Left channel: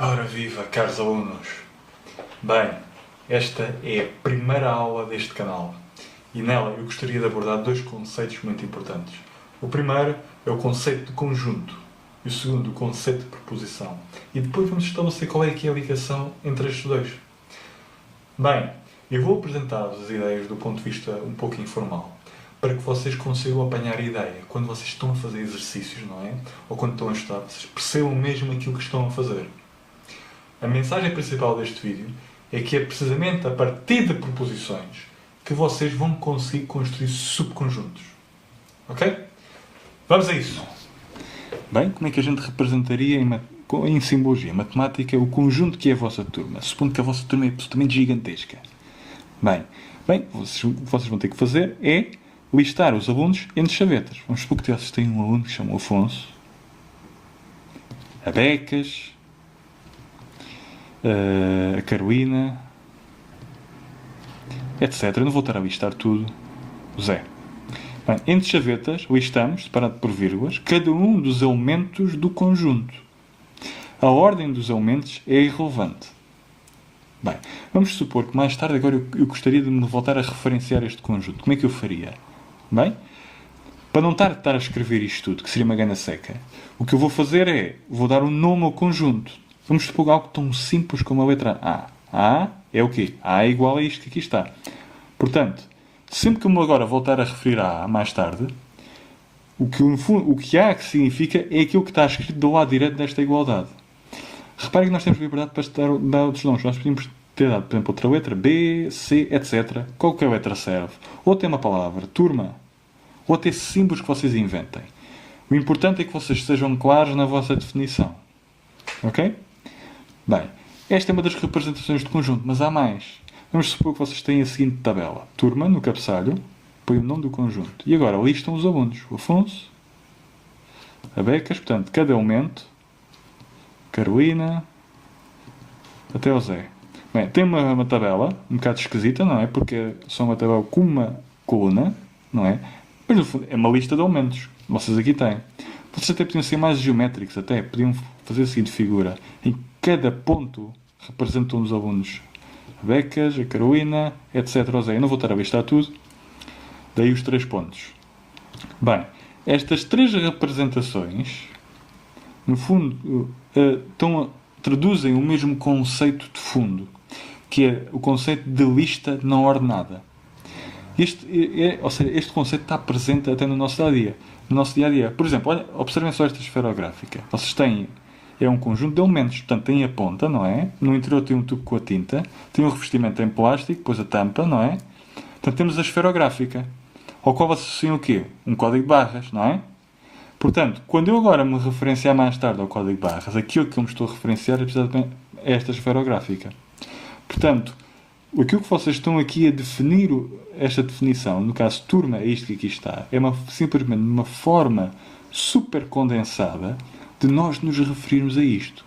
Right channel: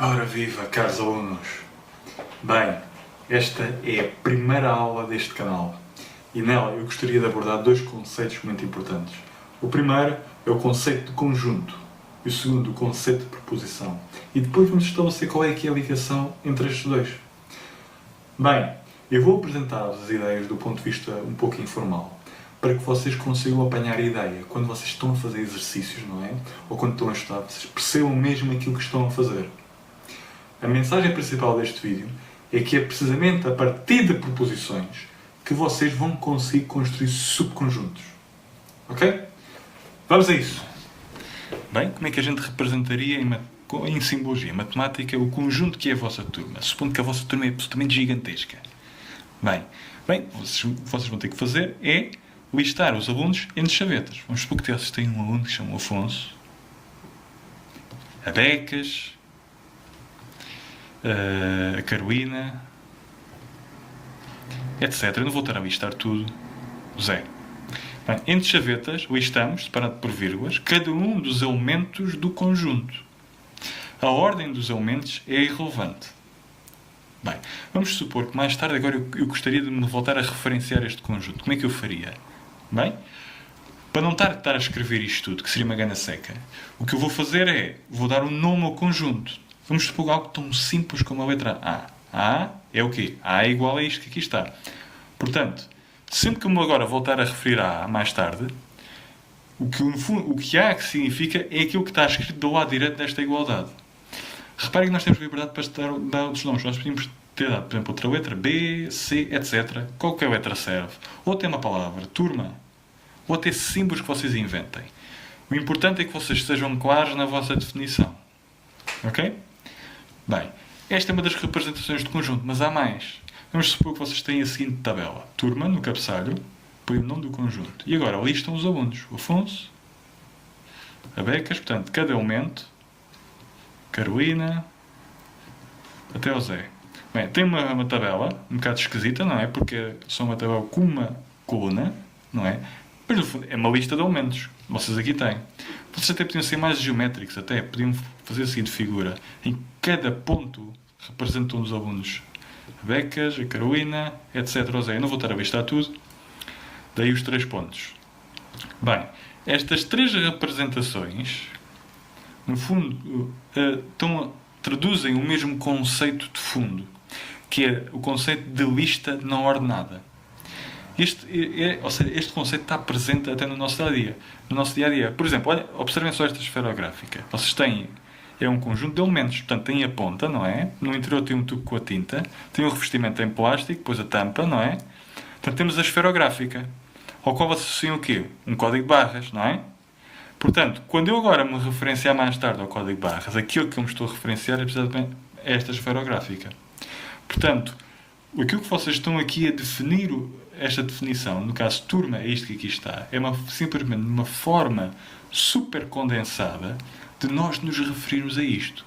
Ora viva, caros alunos! Bem, esta é a primeira aula deste canal e nela eu gostaria de abordar dois conceitos muito importantes. O primeiro é o conceito de conjunto e o segundo, o conceito de preposição. E depois vamos estabelecer qual é que é a ligação entre estes dois. Bem, eu vou apresentar-vos as ideias do ponto de vista um pouco informal, para que vocês consigam apanhar a ideia quando vocês estão a fazer exercícios, não é? Ou quando estão a estudar, vocês percebam mesmo aquilo que estão a fazer. A mensagem principal deste vídeo é que é precisamente a partir de proposições que vocês vão conseguir construir subconjuntos. Ok? Vamos a isso! Bem, como é que a gente representaria em simbologia matemática o conjunto que é a vossa turma? Supondo que a vossa turma é absolutamente gigantesca. Bem, vocês vão ter que fazer é listar os alunos entre chavetas. Vamos supor que vocês têm um aluno que se chama Afonso, a Becas, a Carolina, etc. Eu não vou estar a listar tudo. O Zé. Bem, entre chavetas, listamos, separado por vírgulas, cada um dos elementos do conjunto. A ordem dos elementos é irrelevante. Bem, vamos supor que mais tarde agora eu gostaria de me voltar a referenciar este conjunto. Como é que eu faria? Bem, para não estar a escrever isto tudo, que seria uma gana seca, o que eu vou fazer é, vou dar um nome ao conjunto. Vamos supor algo tão simples como a letra A. A é o quê? A é igual a isto que aqui está. Portanto, sempre que eu me agora voltar a referir a A mais tarde, o que A que significa é aquilo que está escrito do lado direito desta igualdade. Reparem que nós temos liberdade para dar outros nomes. Nós podemos ter dado, por exemplo, outra letra, B, C, etc. Qualquer letra serve. Ou tem uma palavra, turma. Ou até símbolos que vocês inventem. O importante é que vocês sejam claros na vossa definição. Ok? Bem, esta é uma das representações de conjunto, mas há mais. Vamos supor que vocês têm a seguinte tabela. Turma, no cabeçalho, põe o nome do conjunto. E agora listam os alunos. O Afonso, a Becas, portanto, cada elemento, Carolina, até o Zé. Bem, tem uma tabela, um bocado esquisita, não é? Porque é só uma tabela com uma coluna, não é? Mas no fundo é uma lista de elementos. Vocês aqui têm. Vocês até podiam ser mais geométricos, até podiam fazer assim de figura. Em cada ponto representam os alunos. A Becas, a Carolina, etc. O Zé. Eu não vou estar a listar tudo. Daí os 3 pontos. Bem, estas 3 representações, no fundo, traduzem o mesmo conceito de fundo, que é o conceito de lista não ordenada. Este conceito está presente até no nosso dia-a-dia. No nosso dia-a-dia. Por exemplo, observem só esta esferográfica. Vocês têm... É um conjunto de elementos. Portanto, tem a ponta, não é? No interior tem um tubo com a tinta. Tem um revestimento em plástico, depois a tampa, não é? Portanto, temos a esferográfica. Ao qual associam o quê? Um código de barras, não é? Portanto, quando eu agora me referenciar mais tarde ao código de barras, aquilo que eu me estou a referenciar é precisamente esta esferográfica. Portanto, aquilo que vocês estão aqui a definir, esta definição, no caso turma, é isto que aqui está, é simplesmente uma forma super condensada de nós nos referirmos a isto.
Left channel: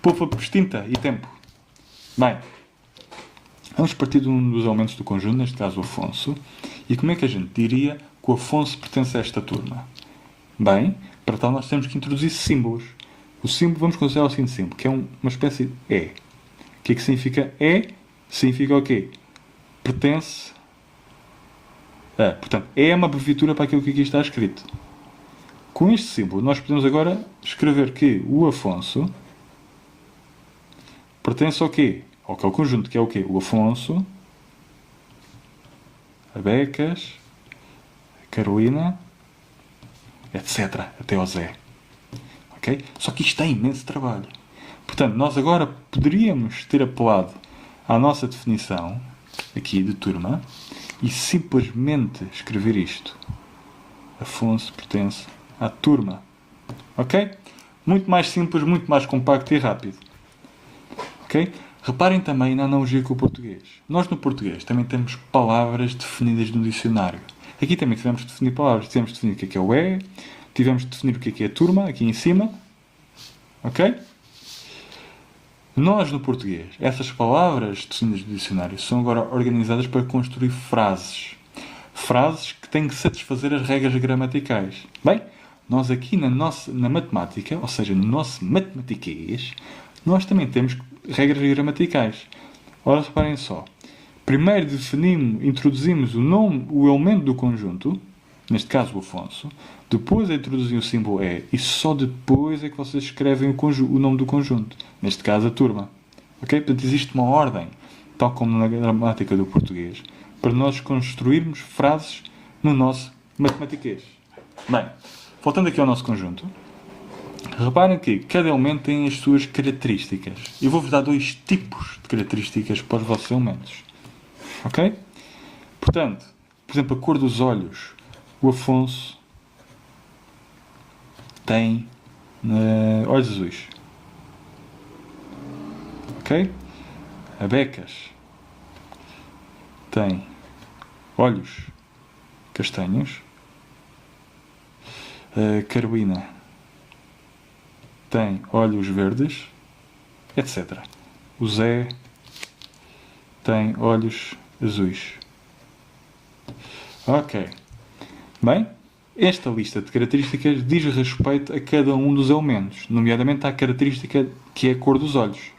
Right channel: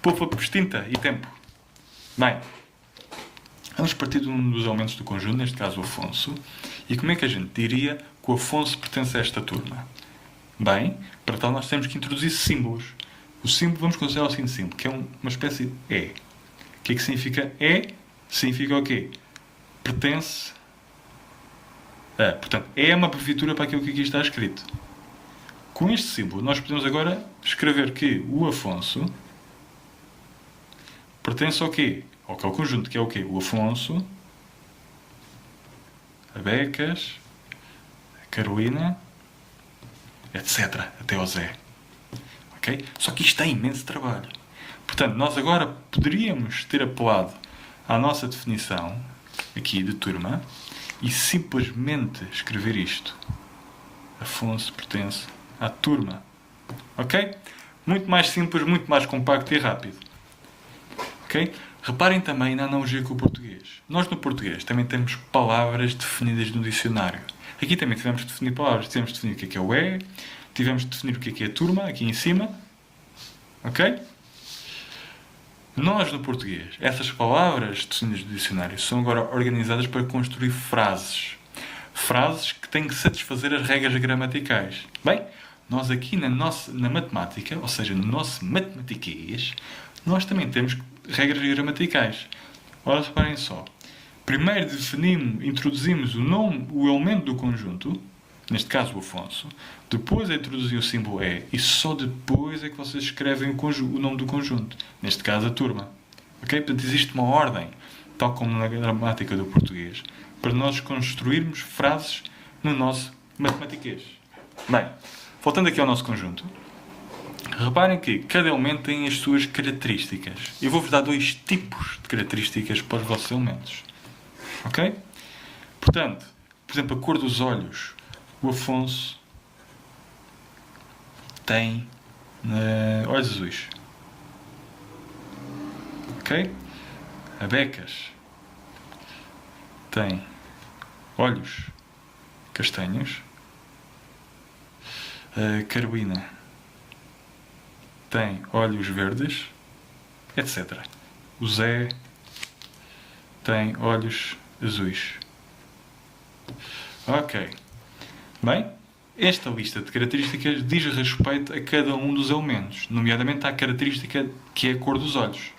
Poupa extinta e tempo. Bem, vamos partir de um dos elementos do conjunto, neste caso o Afonso, e como é que a gente diria que o Afonso pertence a esta turma? Bem, para tal nós temos que introduzir símbolos. O símbolo, vamos considerar o seguinte símbolo, que é uma espécie de E. O que é que significa E? Significa o quê? Pertence a. Portanto, E é uma abreviatura para aquilo que aqui está escrito. Com este símbolo, nós podemos agora escrever que o Afonso pertence ao quê? Ao conjunto, que é o quê? O Afonso, a Becas, a Carolina, etc. Até ao Zé. Okay? Só que isto é imenso trabalho. Portanto, nós agora poderíamos ter apelado à nossa definição, aqui de turma, e simplesmente escrever isto. Afonso pertence à turma. Ok? Muito mais simples, muito mais compacto e rápido. Ok? Reparem também na analogia com o português. Nós no português também temos palavras definidas no dicionário. Aqui também tivemos de definir palavras. Tivemos de definir o que é o E, tivemos de definir o que é a turma, aqui em cima. Ok? Nós, no português, essas palavras definidas no dicionário são agora organizadas para construir frases. Frases que têm que satisfazer as regras gramaticais. Bem, nós aqui na matemática, ou seja, no nosso matematiquês, nós também temos regras gramaticais. Ora, reparem só. Primeiro introduzimos o elemento do conjunto, neste caso o Afonso, depois é introduzir o símbolo E, e só depois é que vocês escrevem o nome do conjunto, neste caso a turma. Ok? Portanto, existe uma ordem, tal como na gramática do português, para nós construirmos frases no nosso matematiquês. Bem, voltando aqui ao nosso conjunto, reparem que cada elemento tem as suas características. Eu vou-vos dar 2 tipos de características para os vossos elementos. Ok? Portanto, por exemplo, a cor dos olhos. O Afonso tem olhos azuis. Ok? A Becas tem olhos castanhos. A Carolina tem olhos verdes, etc. O Zé tem olhos azuis. Ok. Bem, esta lista de características diz respeito a cada um dos elementos, nomeadamente à característica que é a cor dos olhos.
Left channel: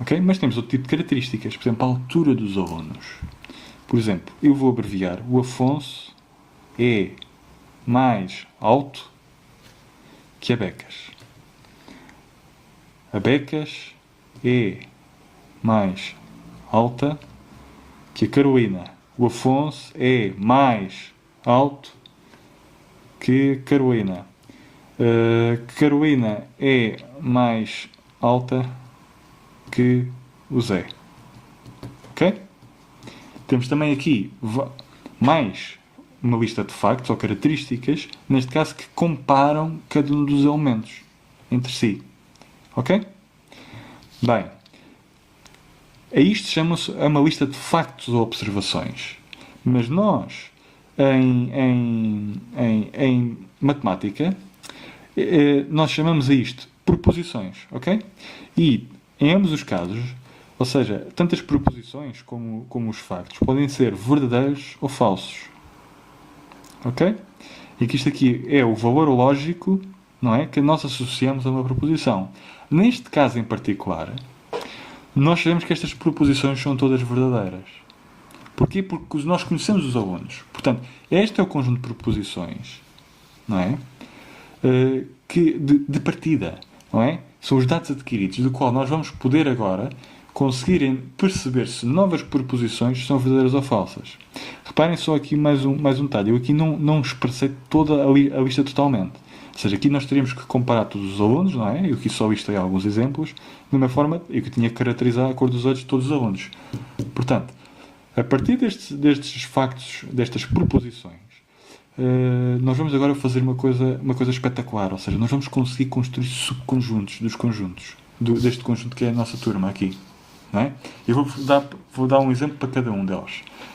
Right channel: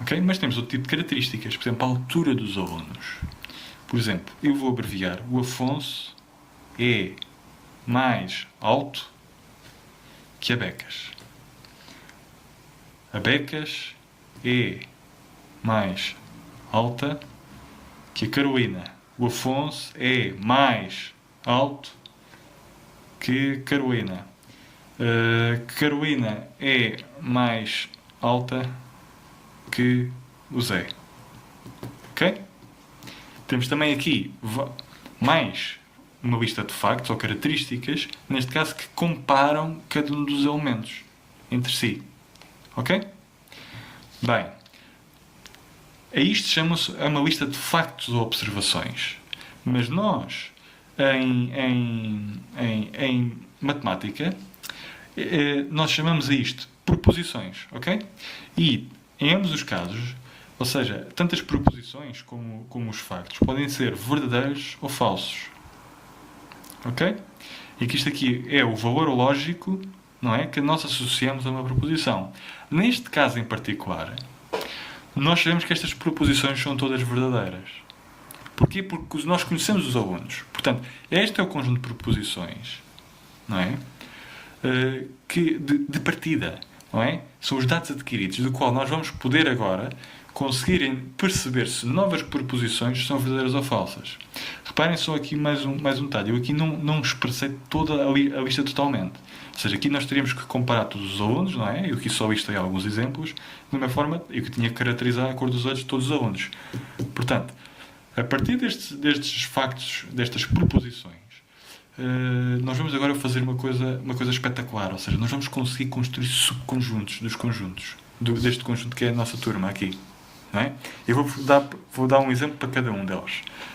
Ok? Mas temos outro tipo de características, por exemplo, a altura dos alunos. Por exemplo, eu vou abreviar. O Afonso é mais alto que a Becas. A Becas é mais alta que a Carolina. O Afonso é mais alto que a Carolina. A Carolina é mais alta que o Zé. Ok? Temos também aqui mais uma lista de factos ou características, neste caso, que comparam cada um dos elementos entre si. Ok? Bem, a isto chama-se uma lista de factos ou observações. Mas nós, em matemática, nós chamamos a isto proposições. Ok? E, em ambos os casos, ou seja, tanto as proposições como os factos podem ser verdadeiros ou falsos. Ok? E que isto aqui é o valor lógico, não é, que nós associamos a uma proposição. Neste caso em particular, nós sabemos que estas proposições são todas verdadeiras. Porquê? Porque nós conhecemos os alunos. Portanto, este é o conjunto de proposições, não é? De partida, não é? São os dados adquiridos, do qual nós vamos poder agora conseguirem perceber se novas proposições são verdadeiras ou falsas. Reparem só aqui mais um detalhe. Eu aqui não expressei toda a lista totalmente. Ou seja, aqui nós teríamos que comparar todos os alunos, não é? Eu aqui só listei alguns exemplos. De uma forma, eu que tinha que caracterizar a cor dos olhos de todos os alunos. Portanto, a partir destes factos, destas proposições, nós vamos agora fazer uma coisa espetacular. Ou seja, nós vamos conseguir construir subconjuntos dos conjuntos. Deste conjunto que é a nossa turma aqui. Não é? Eu vou dar um exemplo para cada um deles.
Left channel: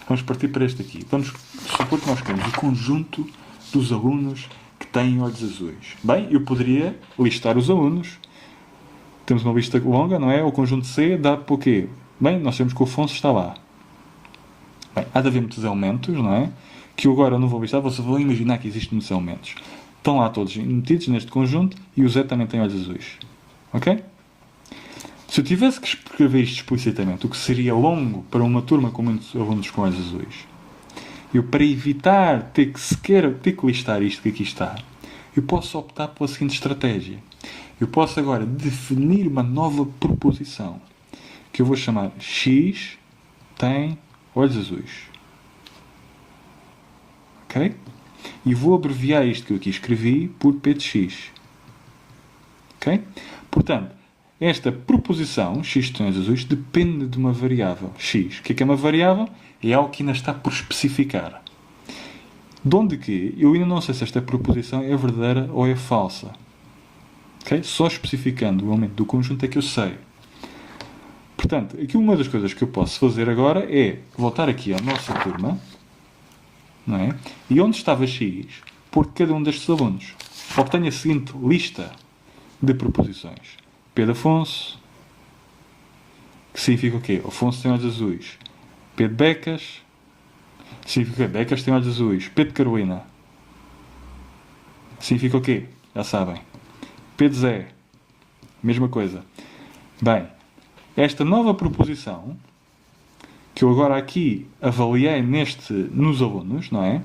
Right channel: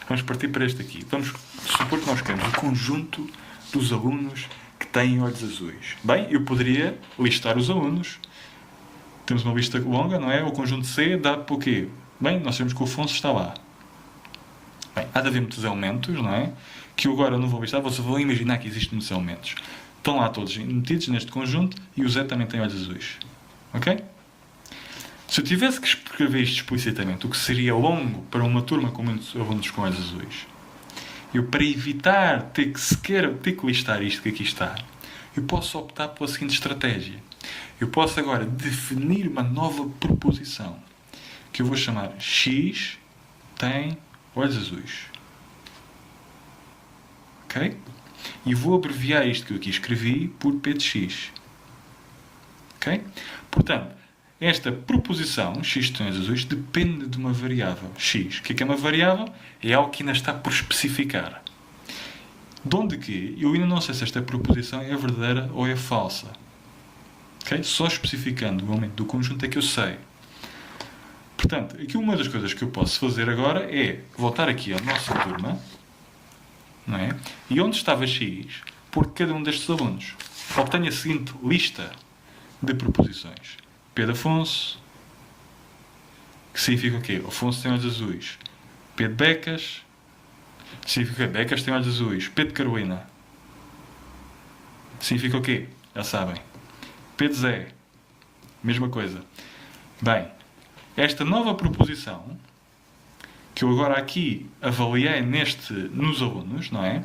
Vamos partir para este aqui. Vamos supor que nós queremos o conjunto dos alunos que têm olhos azuis. Bem, eu poderia listar os alunos. Temos uma lista longa, não é? O conjunto C dá para o quê? Bem, nós sabemos que o Afonso está lá. Bem, há de haver muitos elementos, não é? Que eu agora não vou listar, vocês vão imaginar que existem muitos elementos. Estão lá todos metidos neste conjunto e o Zé também tem olhos azuis. Ok? Se eu tivesse que escrever isto explicitamente, o que seria longo para uma turma com muitos alunos com olhos azuis, eu, para evitar ter que listar isto que aqui está, eu posso optar pela seguinte estratégia. Eu posso agora definir uma nova proposição, que eu vou chamar X tem olhos azuis. Ok? E vou abreviar isto que eu aqui escrevi por P de X. Ok? Portanto, esta proposição, x tem olhos azuis, depende de uma variável, x. O que é uma variável? É algo que ainda está por especificar. De onde que eu ainda não sei se esta proposição é verdadeira ou é falsa. Okay? Só especificando o elemento do conjunto é que eu sei. Portanto, aqui uma das coisas que eu posso fazer agora é voltar aqui à nossa turma, não é? E onde estava x, pôr cada um destes alunos. Obtenho a seguinte lista de proposições. P de Afonso, que significa o quê? Afonso tem olhos azuis. P de Becas, significa que Becas tem olhos azuis. P de Carolina, significa o quê? Já sabem. P de Zé, mesma coisa. Bem, esta nova proposição, que eu agora aqui avaliei nos alunos, não é?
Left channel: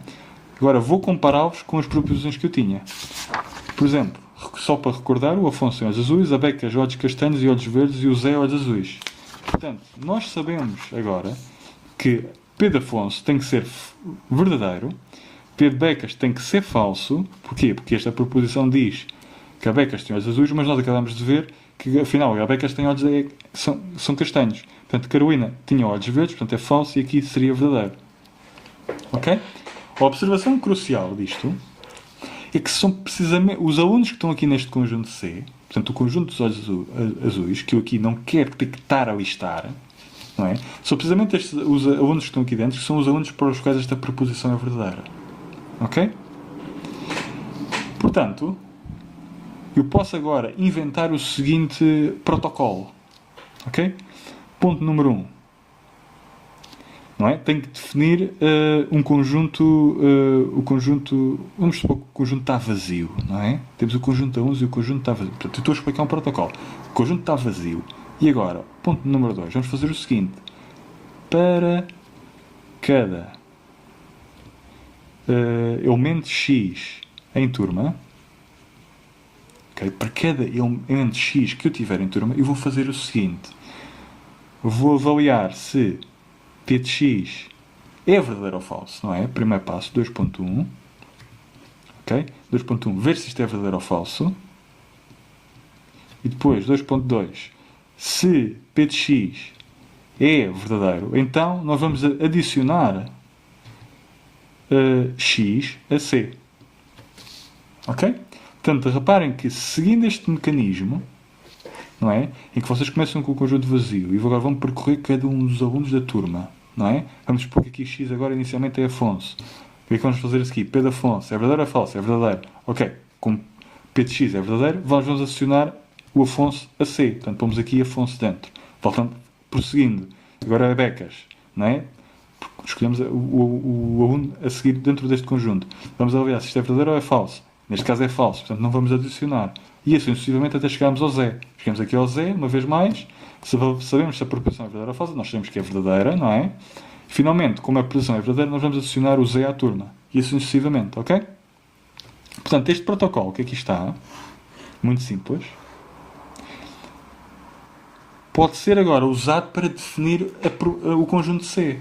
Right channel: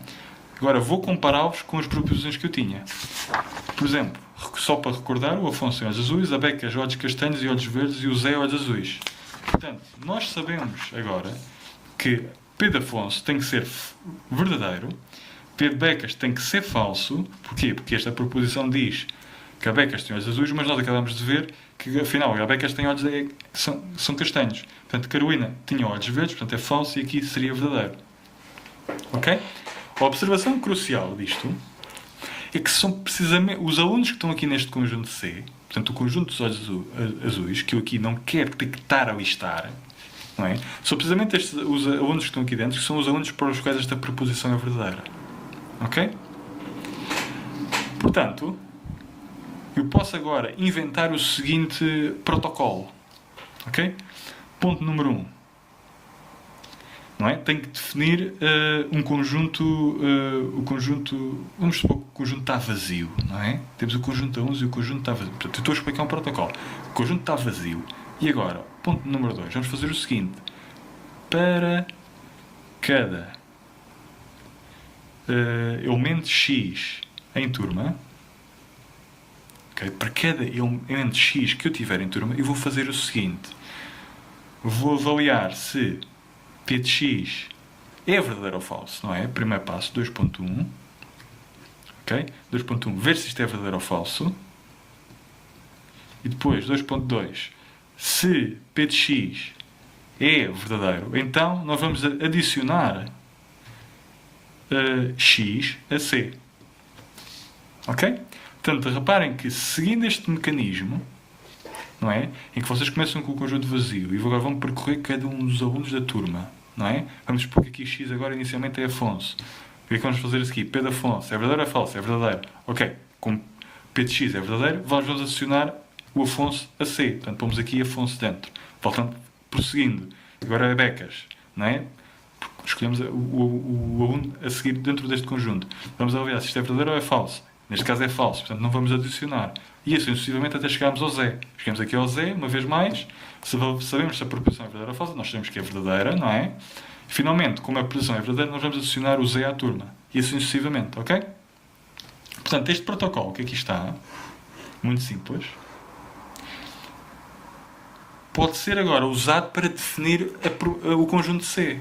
Agora vou compará-los com as proposições que eu tinha. Por exemplo, só para recordar, o Afonso tem olhos azuis, a Beca olhos castanhos e olhos verdes e o Zé olhos azuis. Portanto, nós sabemos agora que P de Afonso tem que ser verdadeiro, P de Becas tem que ser falso. Porquê? Porque esta proposição diz que a Becas tem olhos azuis, mas nós acabamos de ver que, afinal, a Becas tem olhos são castanhos. Portanto, Carolina tinha olhos verdes, portanto é falso e aqui seria verdadeiro. Ok? A observação crucial disto é que são precisamente os alunos que estão aqui neste conjunto C, portanto, o conjunto dos olhos azuis, que eu aqui não quero ter que estar a listar, não é? São precisamente os alunos que estão aqui dentro que são os alunos para os quais esta proposição é verdadeira. Ok? Portanto, eu posso agora inventar o seguinte protocolo. Ok? Ponto número 1. Não é? Tenho que definir um conjunto. O conjunto. Vamos supor que o conjunto está vazio. Não é? Temos o conjunto a 11 e o conjunto está vazio. Portanto, eu estou a explicar um protocolo. O conjunto está vazio. E agora, ponto número 2. Vamos fazer o seguinte. Para cada elemento X em turma. Okay? Para cada elemento X que eu tiver em turma, eu vou fazer o seguinte. Vou avaliar se P de X é verdadeiro ou falso, não é? Primeiro passo, 2.1. Ok? 2.1, ver se isto é verdadeiro ou falso. E depois, 2.2, se P de X é verdadeiro, então nós vamos adicionar X a C. Ok? Portanto, reparem que seguindo este mecanismo, não é? Em que vocês começam com o conjunto vazio e agora vão percorrer cada um dos alunos da turma, não é? Vamos supor que aqui X agora inicialmente é Afonso. O que é que vamos fazer aqui? P de Afonso é verdadeiro ou é falso? É verdadeiro. Ok. Como P de X é verdadeiro, vamos adicionar o Afonso a C. Portanto, pomos aqui Afonso dentro. Voltando, prosseguindo. Agora é Becas, não é? Escolhemos o aluno a seguir dentro deste conjunto. Vamos avaliar se isto é verdadeiro ou é falso. Neste caso é falso, portanto não vamos adicionar. E assim sucessivamente até chegarmos ao Zé. Chegamos aqui ao Zé, uma vez mais. Sabemos se a proposição é verdadeira ou falsa, nós sabemos que é verdadeira, não é? Finalmente, como a proposição é verdadeira, nós vamos adicionar o Zé à turma. E assim sucessivamente, ok? Portanto, este protocolo que aqui está, muito simples, pode ser agora usado para definir o conjunto C.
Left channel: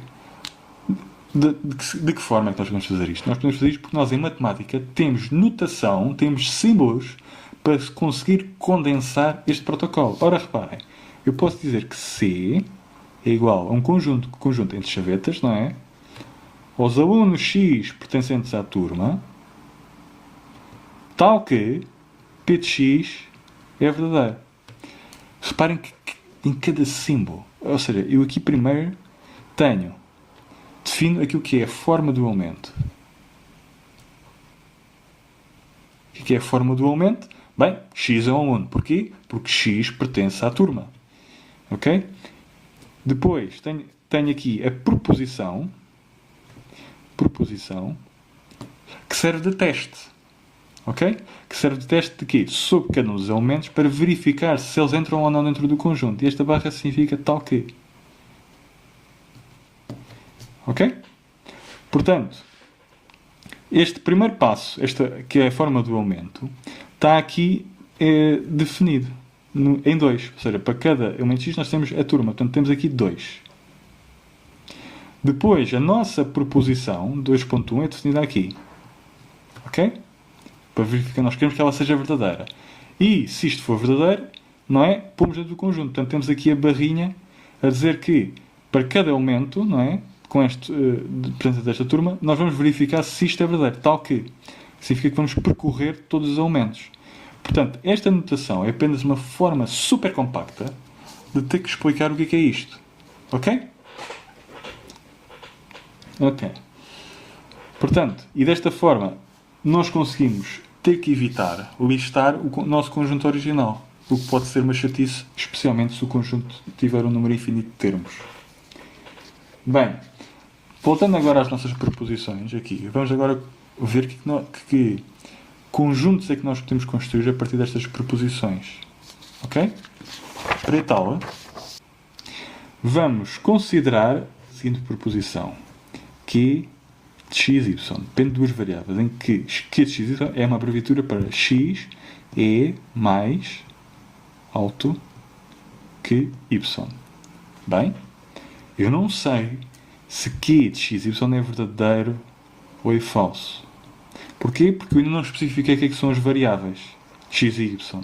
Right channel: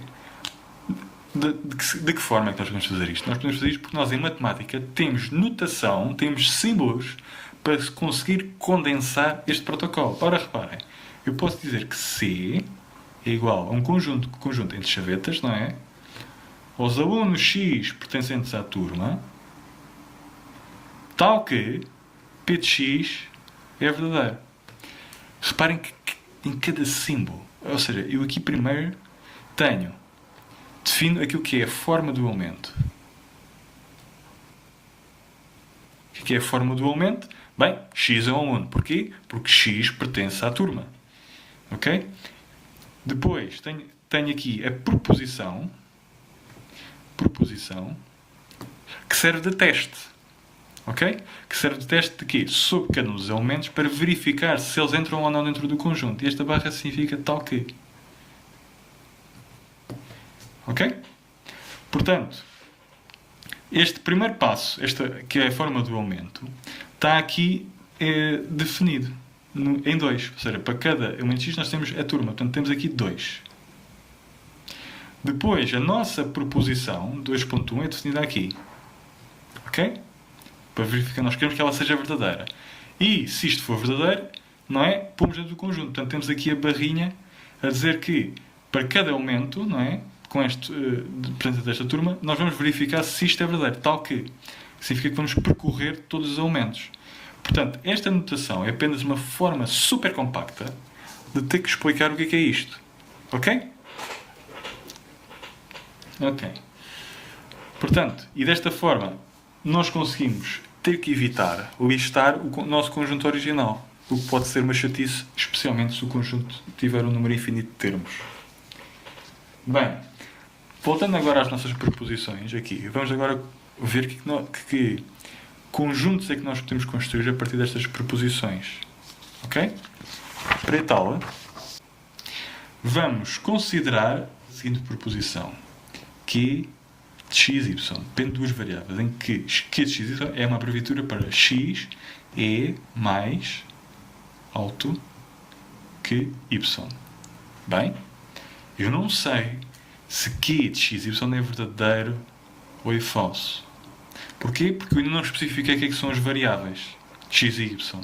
De que forma é que nós podemos fazer isto? Nós podemos fazer isto porque nós, em matemática, temos notação, temos símbolos para conseguir condensar este protocolo. Ora, reparem, eu posso dizer que C é igual a um conjunto entre chavetas, não é? Aos alunos X pertencentes à turma, tal que P de X é verdadeiro. Reparem que em cada símbolo, ou seja, eu aqui primeiro defino aquilo que é a forma do elemento. O que é a forma do elemento? Bem, X é um aluno. Porquê? Porque X pertence à turma. Ok? Depois, tenho aqui a proposição que serve de teste. Ok? Que serve de teste de quê? Sobre cada um dos elementos para verificar se eles entram ou não dentro do conjunto. E esta barra significa tal que. Ok? Portanto, este primeiro passo, que é a forma do elemento, está aqui definido em 2. Ou seja, para cada elemento X nós temos a turma. Portanto, temos aqui 2. Depois, a nossa proposição, 2.1, é definida aqui. Ok? Para verificar, nós queremos que ela seja verdadeira. E, se isto for verdadeiro, não é? Pomos dentro do conjunto. Portanto, temos aqui a barrinha a dizer que, para cada elemento, não é? Com este, dentro desta turma, nós vamos verificar se isto é verdadeiro. Tal que significa que vamos percorrer todos os elementos. Portanto, esta notação é apenas uma forma super compacta de ter que explicar o que é isto. Ok? Ok. Portanto, e desta forma, nós conseguimos ter que evitar listar o nosso conjunto original. O que pode ser uma chatice, especialmente se o conjunto tiver um número infinito de termos. Bem, voltando agora às nossas proposições aqui, vamos agora ver que conjuntos é que nós podemos construir a partir destas proposições. Ok? Para tal, vamos considerar a seguinte proposição. Q de x, y. Depende de duas variáveis, em que Q de x, y é uma abreviatura para x é mais alto que y. Bem, eu não sei se Q de x, y é verdadeiro ou é falso. Porquê? Porque eu ainda não especifiquei o que são as variáveis x e y.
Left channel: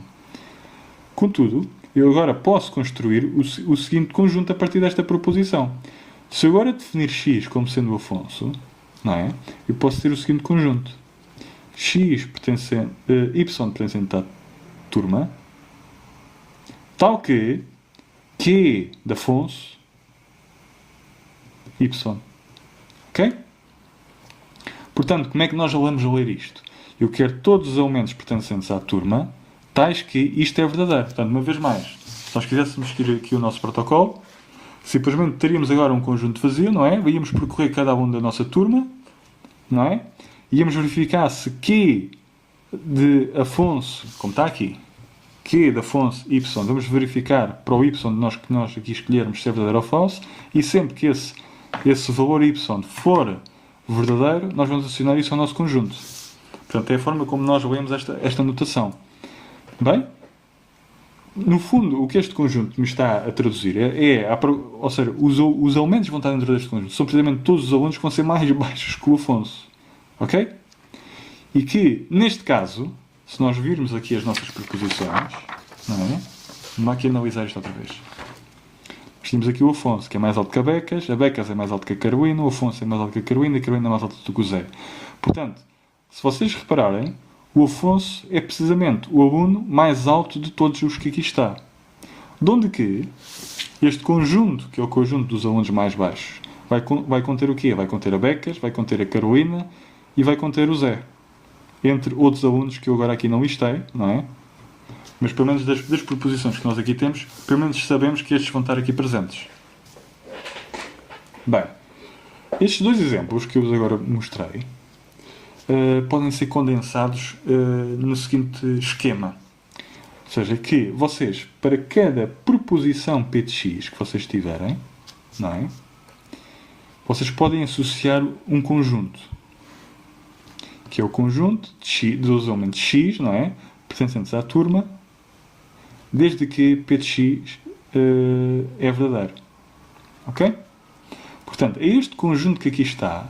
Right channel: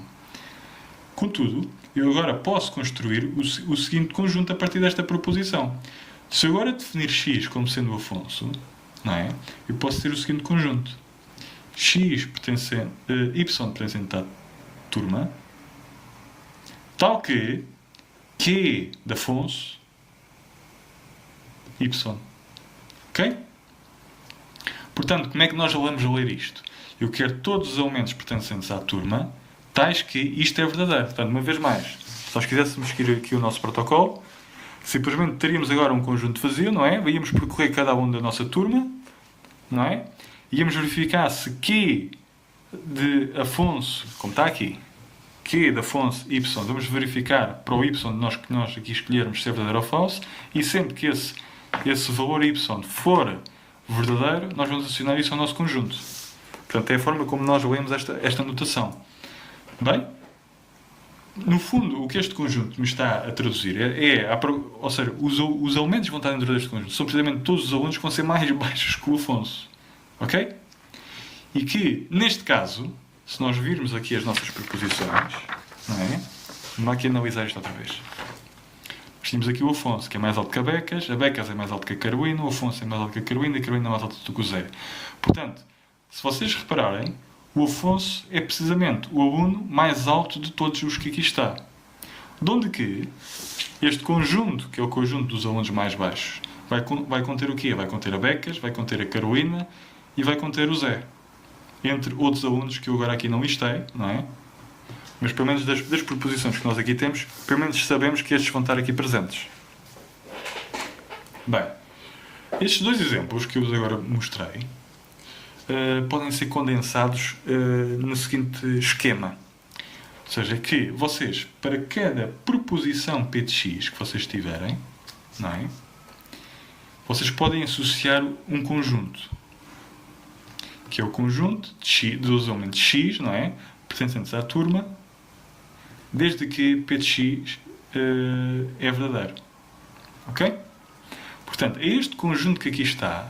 Contudo, eu agora posso construir o seguinte conjunto a partir desta proposição. Se eu agora definir x como sendo o Afonso, não é? Eu posso ter o seguinte conjunto. Y pertencente à turma, tal que Q de Afonso, y. Ok? Portanto, como é que nós vamos ler isto? Eu quero todos os elementos pertencentes à turma, tais que isto é verdadeiro. Portanto, uma vez mais, se nós quiséssemos seguir aqui o nosso protocolo, simplesmente teríamos agora um conjunto vazio, não é? Íamos percorrer cada aluno da nossa turma, não é? Íamos verificar se Q de Afonso, como está aqui, Q de Afonso y, vamos verificar para o y que nós aqui escolhermos se é verdadeiro ou falso, e sempre que esse valor y for verdadeiro, nós vamos adicionar isso ao nosso conjunto. Portanto, é a forma como nós lemos esta notação. Bem? No fundo, o que este conjunto nos está a traduzir ou seja, os elementos que vão estar dentro deste conjunto são precisamente todos os alunos que vão ser mais baixos que o Afonso. Ok? E que, neste caso, se nós virmos aqui as nossas proposições, não é? Vamos aqui analisar isto outra vez. Temos aqui o Afonso, que é mais alto que a Becas é mais alto que a Carolina, o Afonso é mais alto que a Carolina é mais alto do que o Zé. Portanto, se vocês repararem, o Afonso é precisamente o aluno mais alto de todos os que aqui está. De onde que este conjunto, que é o conjunto dos alunos mais baixos, vai conter o quê? Vai conter a Becas, vai conter a Carolina e vai conter o Zé. Entre outros alunos que eu agora aqui não listei, não é? Mas pelo menos das proposições que nós aqui temos, pelo menos sabemos que estes vão estar aqui presentes. Bem, estes dois exemplos que eu vos agora mostrei podem ser condensados no seguinte esquema. Ou seja, que vocês, para cada proposição P de x que vocês tiverem, não é? Vocês podem associar um conjunto. Que é o conjunto dos elementos x, não é? Pertencentes à turma, desde que P de x é verdadeiro. Ok? Portanto, este conjunto que aqui está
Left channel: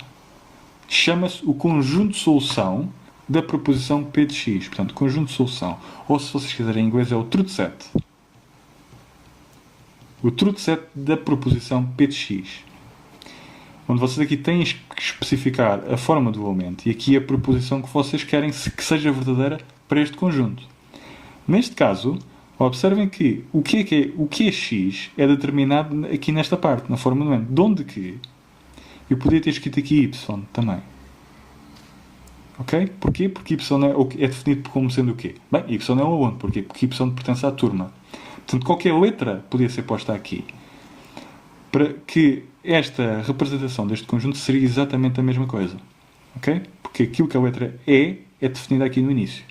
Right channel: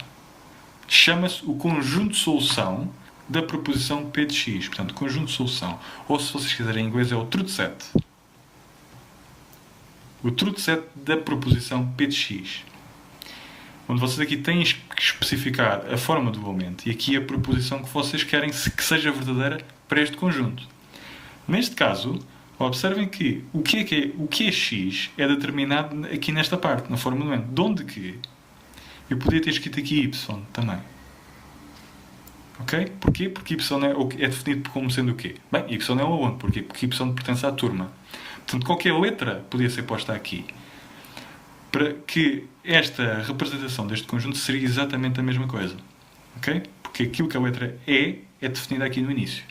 chama-se o conjunto de solução da proposição P de x. Portanto, conjunto de solução. Ou, se vocês quiserem em inglês, é o truth set. O truth set da proposição P de x. Onde vocês aqui têm que especificar a forma do elemento e aqui a proposição que vocês querem que seja verdadeira para este conjunto. Neste caso, observem que o que é x é determinado aqui nesta parte, na forma do elemento. De onde que eu poderia ter escrito aqui y também. Ok? Porquê? Porque y é definido como sendo o quê? Bem, y é um aluno. Porquê? Porque y pertence à turma. Portanto, qualquer letra podia ser posta aqui. Para que esta representação deste conjunto seria exatamente a mesma coisa. Ok? Porque aquilo que a letra é definida aqui no início.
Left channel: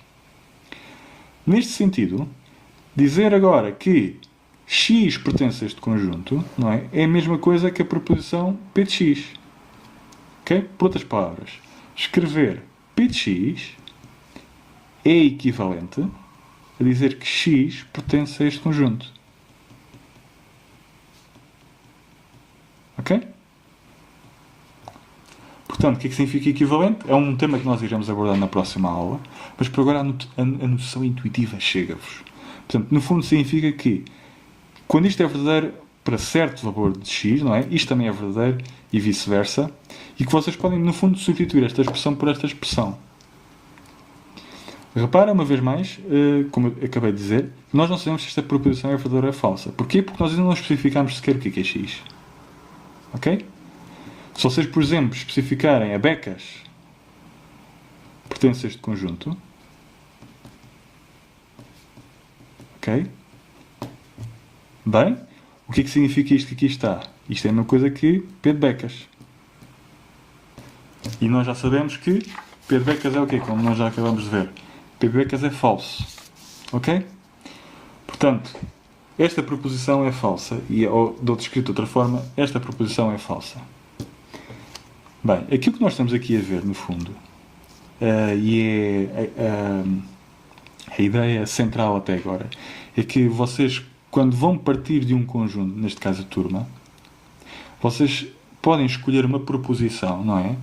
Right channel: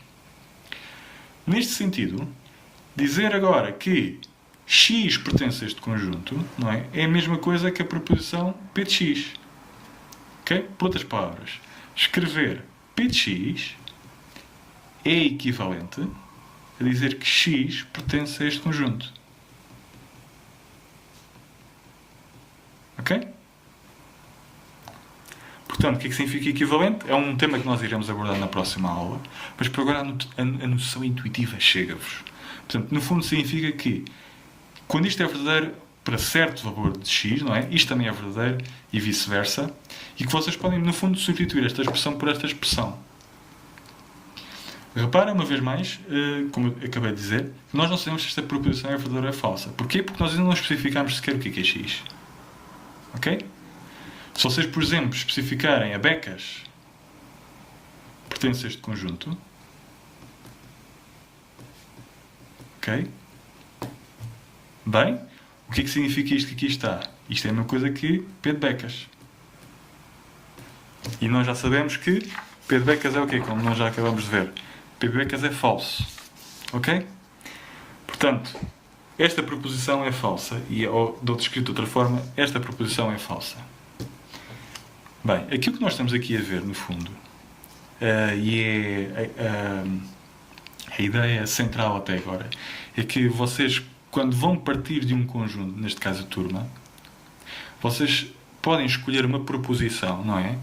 Neste sentido, dizer agora que x pertence a este conjunto, não é? É a mesma coisa que a proposição P de x. Ok? Por outras palavras, escrever P de x é equivalente a dizer que x pertence a este conjunto. Ok? Portanto, o que é que significa equivalente? É um tema que nós iremos abordar na próxima aula, mas por agora a noção intuitiva chega-vos. Portanto, no fundo significa que quando isto é verdadeiro para certo valor de x, não é? Isto também é verdadeiro e vice-versa, e que vocês podem, no fundo, substituir esta expressão por esta expressão. Repara, uma vez mais, como eu acabei de dizer, nós não sabemos se esta proposição é verdadeira ou é falsa. Porquê? Porque nós ainda não especificamos sequer o que é x. Ok? Se vocês, por exemplo, especificarem a Becas pertence a este conjunto, ok? Bem, o que é que significa isto que aqui está? Isto é a mesma coisa que P de Becas. E nós já sabemos que P de Becas é o quê? Como nós já acabamos de ver. P de Becas é falso. Ok? Portanto, esta proposição é falsa. E, ou, de outra escrito de outra forma, esta proposição é falsa. Bem, aquilo que nós estamos aqui a ver, no fundo, e é a ideia central até agora, é que vocês, quando vão partir de um conjunto, neste caso a turma, vocês podem escolher uma proposição, não é?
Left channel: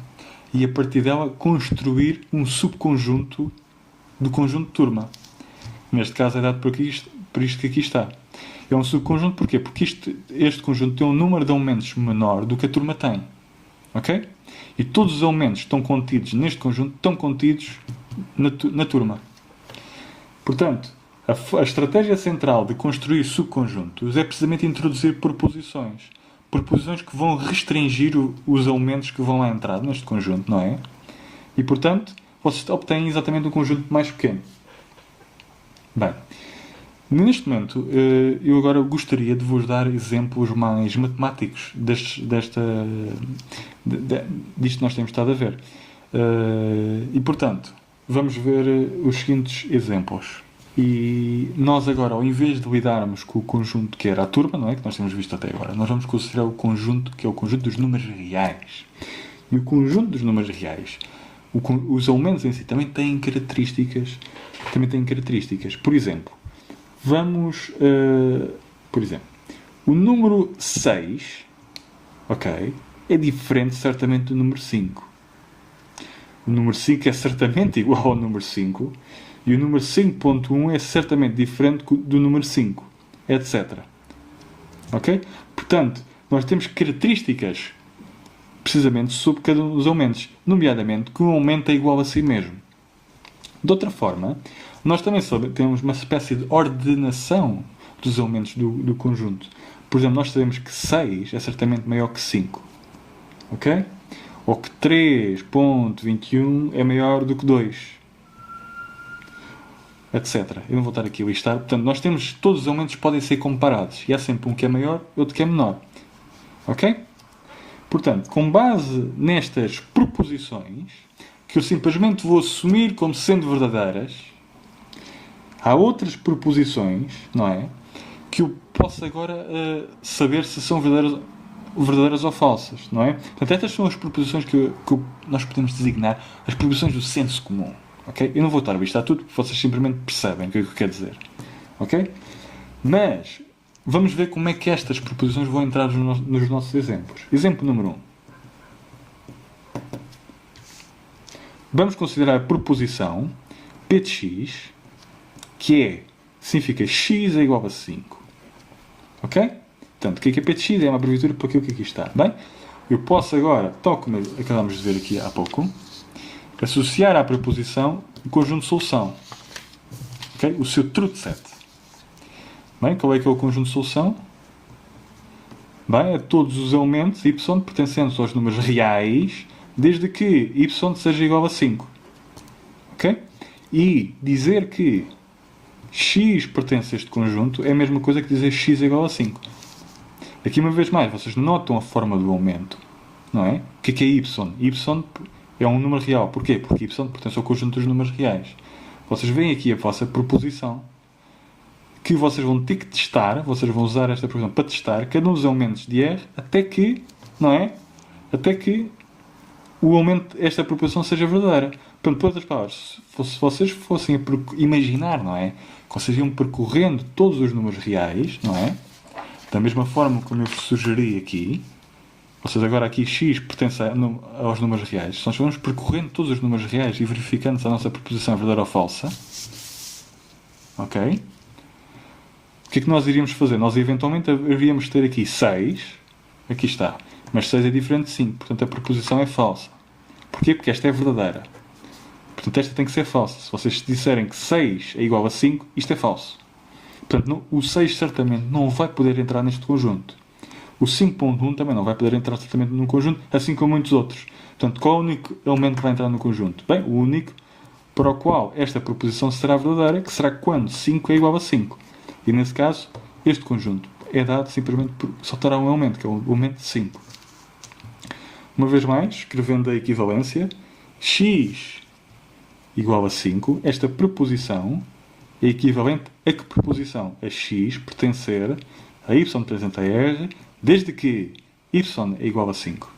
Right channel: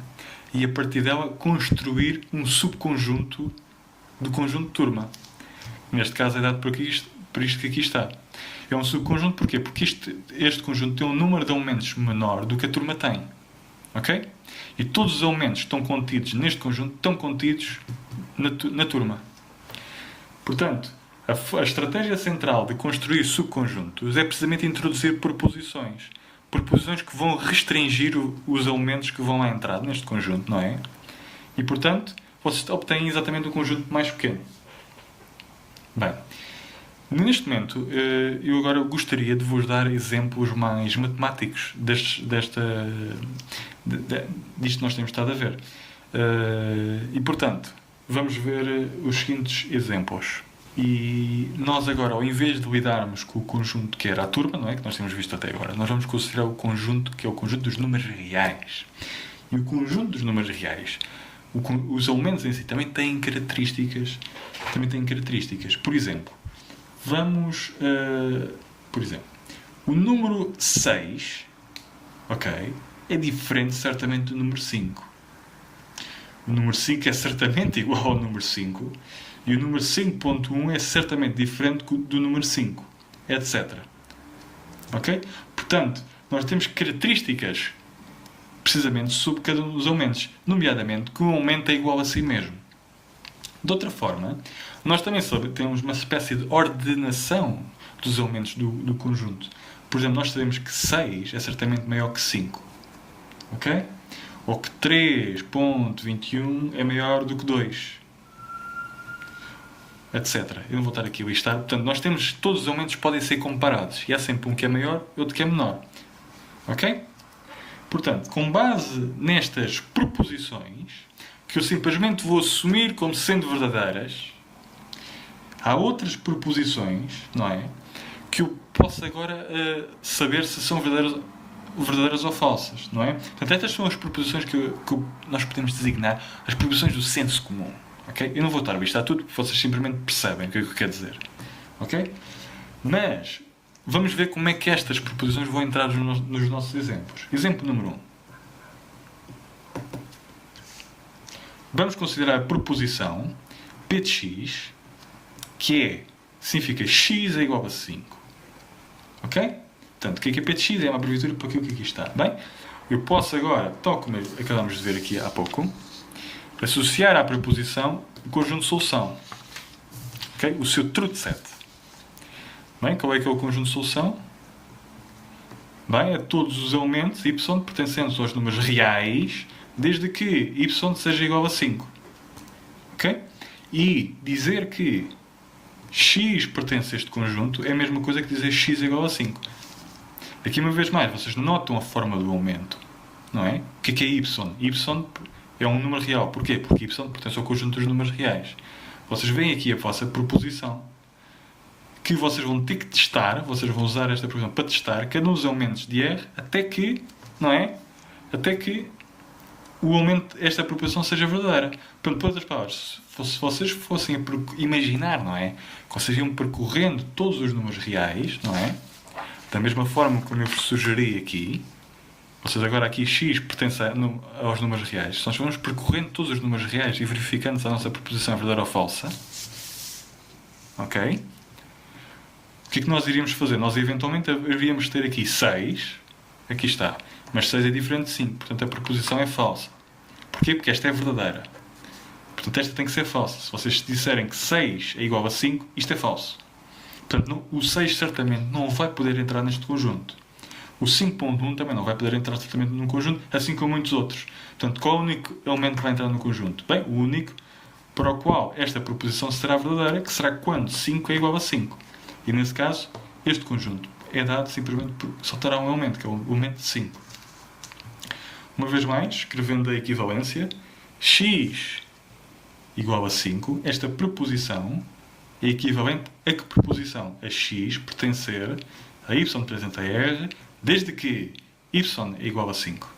E a partir dela construir um subconjunto do conjunto de turma. Neste caso é dado por isto que aqui está. É um subconjunto porquê? Porque este conjunto tem um número de elementos menor do que a turma tem. Ok? E todos os elementos que estão contidos neste conjunto estão contidos na turma. Portanto, a estratégia central de construir subconjuntos é precisamente introduzir proposições. Proposições que vão restringir os elementos que vão lá entrar neste conjunto, não é? E, portanto, vocês obtêm exatamente um conjunto mais pequeno. Bem, neste momento, eu agora gostaria de vos dar exemplos mais matemáticos disto que nós temos estado a ver. E, portanto, vamos ver os seguintes exemplos. E nós agora, ao invés de lidarmos com o conjunto que era a turma, não é? Que nós temos visto até agora, nós vamos considerar o conjunto que é o conjunto dos números reais. E o conjunto dos números reais, os elementos em si também têm características. Por exemplo, o número 6, ok, é diferente certamente do número 5. O número 5 é certamente igual ao número 5 e o número 5.1 é certamente diferente do número 5, etc. Ok? Portanto, nós temos características precisamente sobre cada um dos elementos, nomeadamente que um elemento é igual a si mesmo. De outra forma, nós também temos uma espécie de ordenação dos elementos do conjunto. Por exemplo, nós sabemos que 6 é certamente maior que 5. Ok? Ou que 3.21 é maior do que 2. Etc. Eu não vou estar aqui a listar. Portanto, nós temos todos os elementos que podem ser comparados. E há sempre um que é maior e outro que é menor. Ok? Portanto, com base nestas proposições, que eu simplesmente vou assumir como sendo verdadeiras, há outras proposições, não é? Que eu posso agora saber se são verdadeiras ou falsas, não é? Portanto, estas são as proposições que nós podemos designar as proposições do senso comum. Okay? Eu não vou estar a listar tudo, porque vocês simplesmente percebem o que é que eu quero dizer. Ok? Mas, vamos ver como é que estas proposições vão entrar nos nossos exemplos. Exemplo número 1. Vamos considerar a proposição P de x, que significa x é igual a 5. Ok? Portanto, o que é P de x? É uma abreviatura para aquilo que aqui está. Bem, eu posso agora, tal como acabamos de ver aqui há pouco, associar à proposição o conjunto de solução. Okay? O seu truth set. Bem, qual é que é o conjunto de solução? Bem, é todos os elementos y pertencentes aos números reais, desde que y seja igual a 5. Ok? E dizer que x pertence a este conjunto é a mesma coisa que dizer x é igual a 5. Aqui, uma vez mais, vocês notam a forma do elemento. Não é? O que é y? Y é um número real. Porquê? Porque y pertence ao conjunto dos números reais. Vocês veem aqui a vossa proposição, que vocês vão ter que testar, vocês vão usar esta proposição para testar cada um dos elementos de R até que, não é? Até que o elemento, esta proposição seja verdadeira. Portanto, por outras palavras, se vocês fossem a imaginar, não é? Que vocês iam percorrendo todos os números reais, não é? Da mesma forma como eu vos sugeri aqui, ou seja, agora aqui x pertence aos números reais. Se nós vamos percorrendo todos os números reais e verificando se a nossa proposição é verdadeira ou falsa, ok? O que é que nós iríamos fazer? Nós eventualmente iríamos ter aqui 6, aqui está, mas 6 é diferente de 5, portanto a proposição é falsa. Porquê? Porque esta é verdadeira. Portanto esta tem que ser falsa. Se vocês disserem que 6 é igual a 5, isto é falso. Portanto, o 6 certamente não vai poder entrar neste conjunto. O 5.1 também não vai poder entrar certamente num conjunto, assim como muitos outros. Portanto, qual é o único elemento que vai entrar no conjunto? Bem, o único para o qual esta proposição será verdadeira, que será quando 5 é igual a 5. E nesse caso, este conjunto é dado simplesmente por só terá um elemento, que é o elemento 5. Uma vez mais, escrevendo a equivalência, x igual a 5, esta proposição é equivalente a que proposição? A x pertencer a y pertencente a r, desde que y é igual a 5.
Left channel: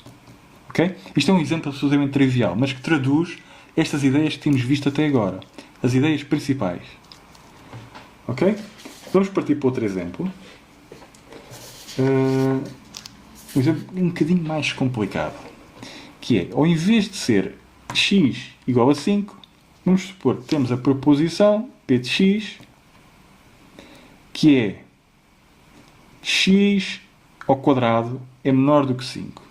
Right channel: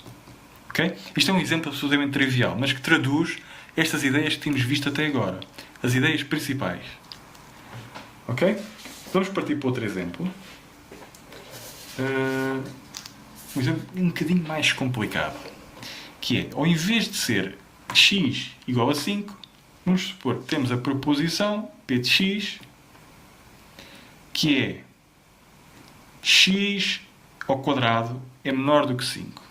Okay? Isto é um exemplo absolutamente trivial, mas que traduz estas ideias que temos visto até agora. As ideias principais. Ok? Vamos partir para outro exemplo. Um exemplo um bocadinho mais complicado. Que é, ao invés de ser x igual a 5, vamos supor que temos a proposição p de x, que é x ao quadrado é menor do que 5.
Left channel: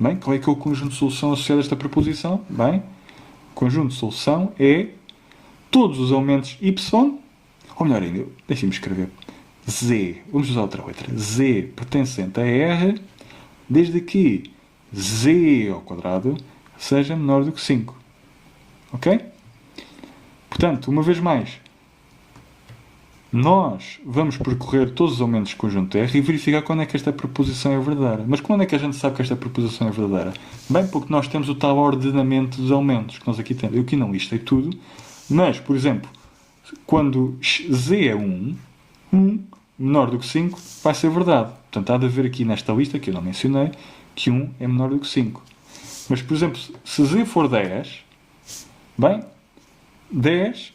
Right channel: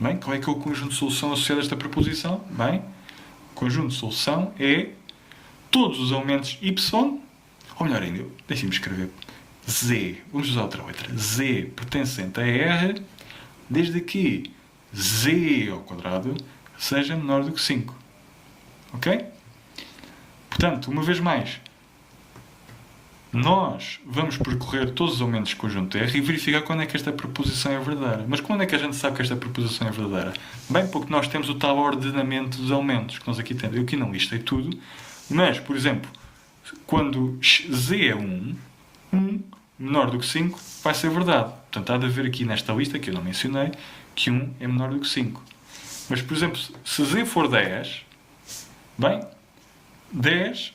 Bem, qual é que é o conjunto de solução associado a esta proposição? Bem, o conjunto de solução é todos os elementos y, ou melhor ainda, deixem-me escrever, z, vamos usar outra letra, z pertencente a r, desde que z ao quadrado seja menor do que 5. Ok? Portanto, uma vez mais, nós vamos percorrer todos os elementos do conjunto R e verificar quando é que esta proposição é verdadeira. Mas quando é que a gente sabe que esta proposição é verdadeira? Bem, porque nós temos o tal ordenamento dos elementos que nós aqui temos. Eu aqui não listei tudo, mas, por exemplo, quando Z é 1 menor do que 5, vai ser verdade. Portanto, há de haver aqui nesta lista, que eu não mencionei, que 1 é menor do que 5. Mas, por exemplo, se Z for 10, bem, 10,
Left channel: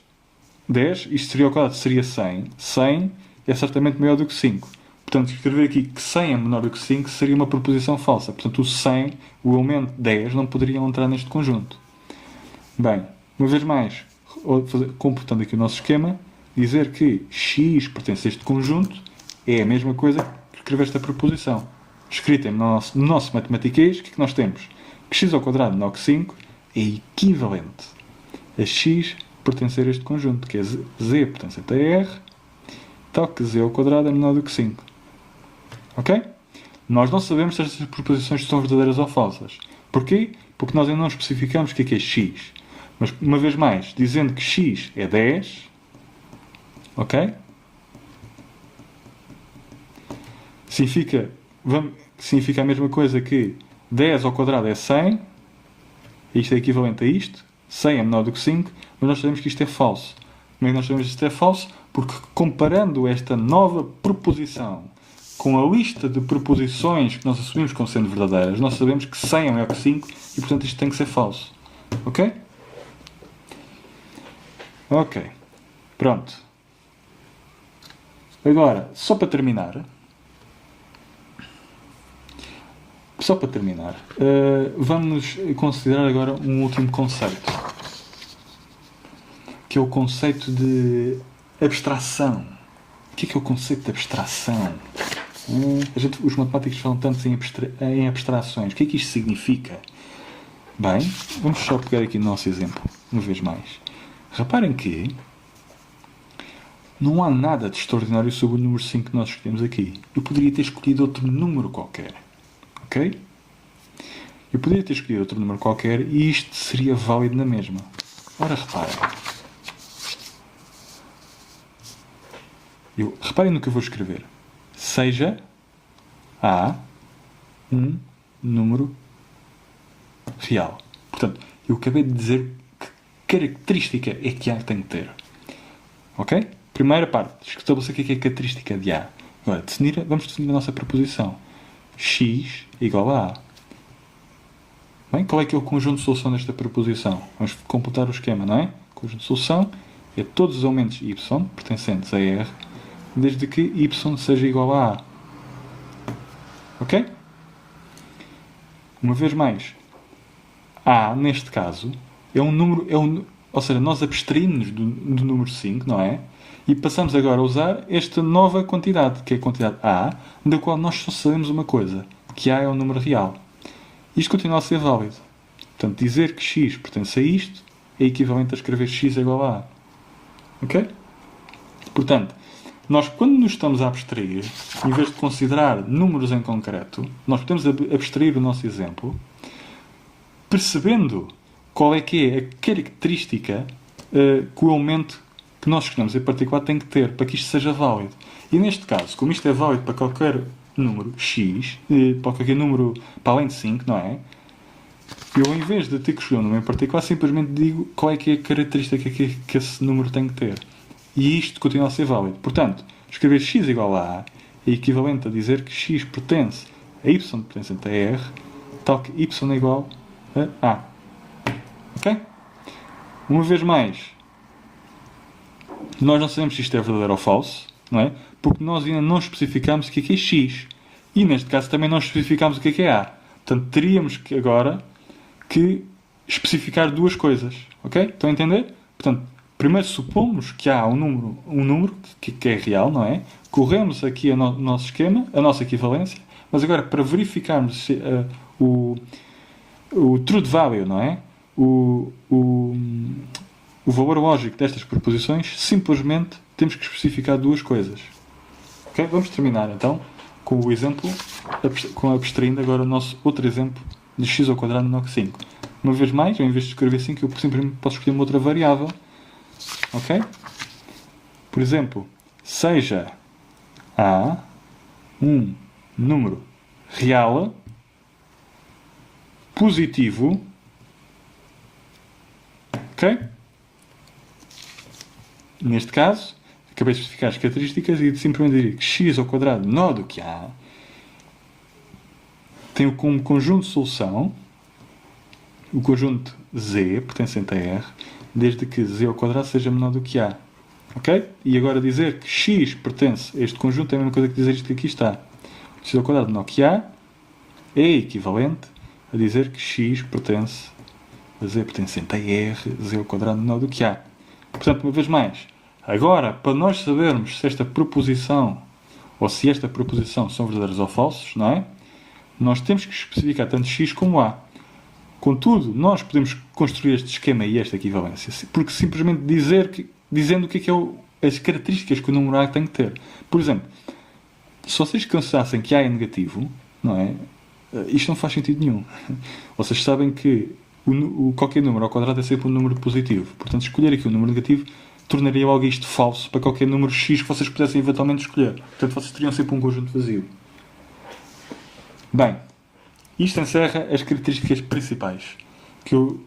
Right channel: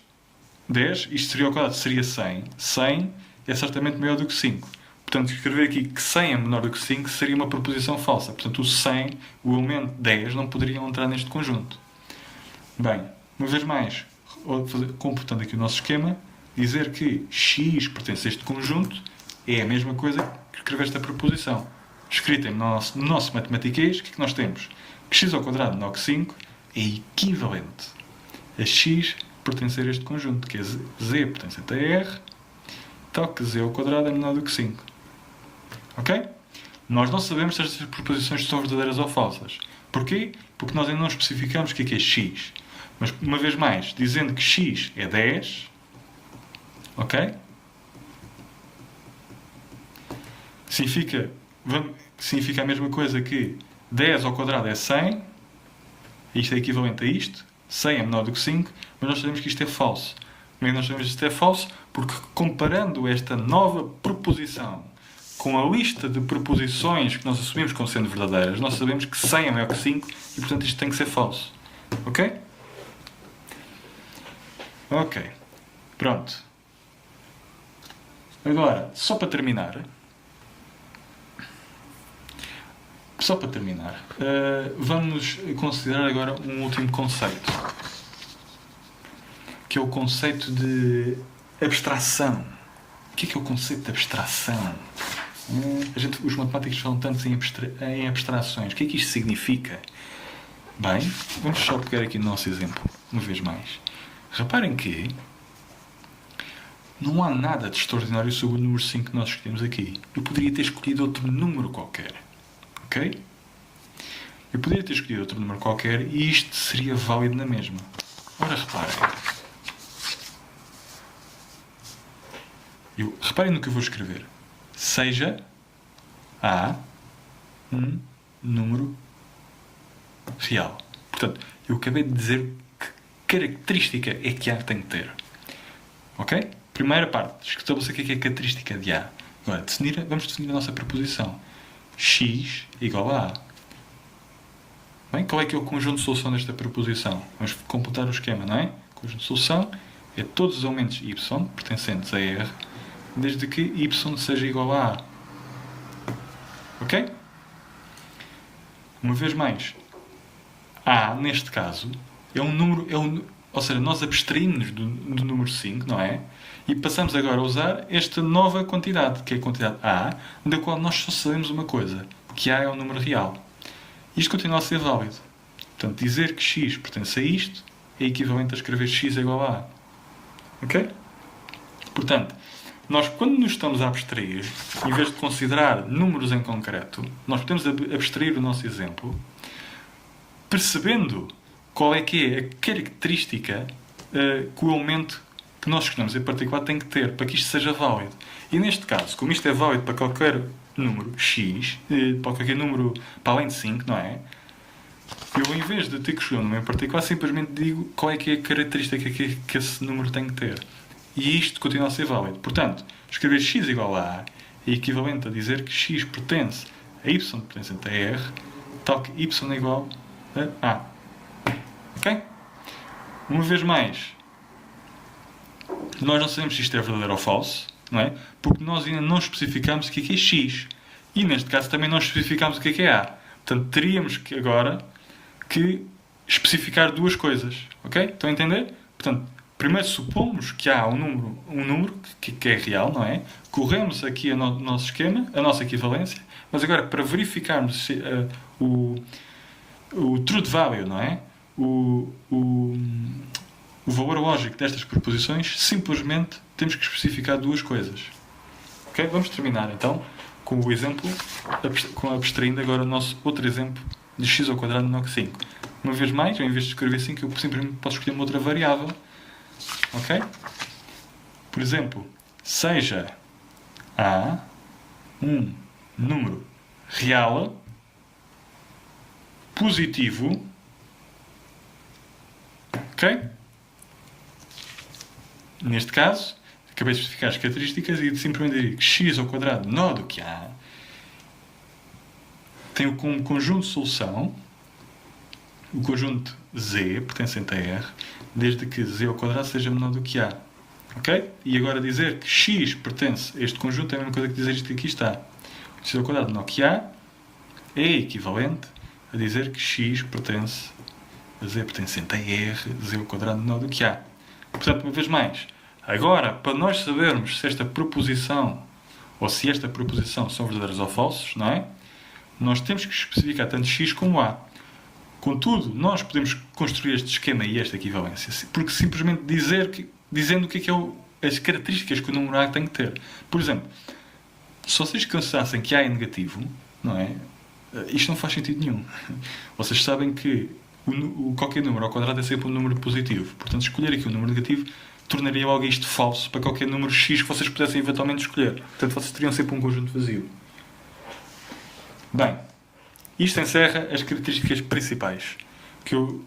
isto seria ao quadrado, seria 100. 100 é certamente maior do que 5. Portanto, escrever aqui que 100 é menor do que 5 seria uma proposição falsa. Portanto, o 100, o elemento 10, não poderia entrar neste conjunto. Bem, uma vez mais, completando aqui o nosso esquema, dizer que x pertence a este conjunto é a mesma coisa que escrever esta proposição. Escrita no nosso matematiquês, o que é que nós temos? Que x ao quadrado menor que 5 é equivalente a x pertencer a este conjunto, que é z pertencente a r, tal que z ao quadrado é menor do que 5. Ok? Nós não sabemos se estas proposições são verdadeiras ou falsas. Porquê? Porque nós ainda não especificamos o que é x. Mas, uma vez mais, dizendo que x é 10, ok? Significa a mesma coisa que 10 ao quadrado é 100, isto é equivalente a isto, 100 é menor do que 5, mas nós sabemos que isto é falso. Como é que nós sabemos que isto é falso? Porque comparando esta nova proposição com a lista de proposições que nós assumimos como sendo verdadeiras, nós sabemos que 100 é maior que 5 e, portanto, isto tem que ser falso. Ok? Ok. Pronto. Agora, só para terminar, vamos considerar agora um último conceito, que é o conceito de abstração. O que é o conceito de abstração? Os matemáticos falam tanto em abstrações. O que é que isto significa? Bem, vamos só pegar aqui no nosso exemplo, uma vez mais. Reparem que não há nada de extraordinário sobre o número 5 que nós escolhemos aqui. Eu poderia ter escolhido outro número qualquer. Ok? Eu poderia ter escolhido outro número qualquer e isto seria válido na mesma. Ora, reparem. Reparem no que eu vou escrever. Seja A um número real. Portanto, eu acabei de dizer que característica é que A tem que ter. Ok? Primeira parte. Estabelecer o que é a característica de A. Agora, vamos definir a nossa proposição. X igual a A. Bem, qual é que é o conjunto de solução desta proposição? Vamos completar o esquema, não é? O conjunto de solução é todos os elementos y pertencentes a R, desde que y seja igual a A. Ok? Uma vez mais, A, neste caso, é um número... ou seja, nós abstraímos do número 5, não é? E passamos agora a usar esta nova quantidade, que é a quantidade A, da qual nós só sabemos uma coisa, que A é um número real. Isto continua a ser válido. Portanto, dizer que x pertence a isto é equivalente a escrever x é igual a A. Ok? Portanto, nós quando nos estamos a abstrair, em vez de considerar números em concreto, nós podemos abstrair o nosso exemplo, percebendo qual é que é a característica que o elemento que nós escolhemos em particular tem que ter para que isto seja válido. E neste caso, como isto é válido para qualquer número x, para qualquer número para além de 5, não é? Eu, em vez de ter que escolher um número em particular, simplesmente digo qual é que é a característica que esse número tem que ter. e isto continua a ser válido. Portanto, escrever x igual a A é equivalente a dizer que x pertence a y pertencente a R, tal que y é igual a A. Ok? Uma vez mais, nós não sabemos se isto é verdadeiro ou falso, não é? Porque nós ainda não especificamos o que é x. E neste caso também não especificamos o que é A. Portanto, teríamos que agora que especificar duas coisas. Ok? Estão a entender? Portanto, primeiro supomos que há um número que é real, não é? Corremos aqui o nosso esquema, a nossa equivalência, mas agora para verificarmos se, o truth value, não é? O valor lógico destas proposições, simplesmente temos que especificar duas coisas. Ok? Vamos terminar então com o exemplo, abstraindo agora o nosso outro exemplo de x ao quadrado menor que 5. Uma vez mais, em vez de escrever 5, eu simplesmente posso escolher uma outra variável. Ok? Por exemplo, seja A um número real, positivo, ok? Neste caso, acabei de especificar as características e simplesmente dizer que x ao quadrado menor do que A tem como conjunto de solução o conjunto z pertencente a R, desde que z ao quadrado seja menor do que A. Ok? E agora dizer que x pertence a este conjunto é a mesma coisa que dizer isto que aqui está. x ao quadrado menor que A é equivalente a dizer que x pertence a z pertencente a R, z ao quadrado menor do que A. Portanto, uma vez mais, agora, para nós sabermos se esta proposição ou se esta proposição são verdadeiros ou falsos, não é? Nós temos que especificar tanto x como A. Contudo, nós podemos construir este esquema e esta equivalência, porque simplesmente dizendo o que é as características que o número A tem que ter. Por exemplo, se vocês considerassem que A é negativo, não é? Isto não faz sentido nenhum. Vocês sabem que qualquer número ao quadrado é sempre um número positivo. Portanto, escolher aqui um número negativo tornaria logo isto falso para qualquer número x que vocês pudessem eventualmente escolher. Portanto, vocês teriam sempre um conjunto vazio. Bem, isto encerra as características principais que eu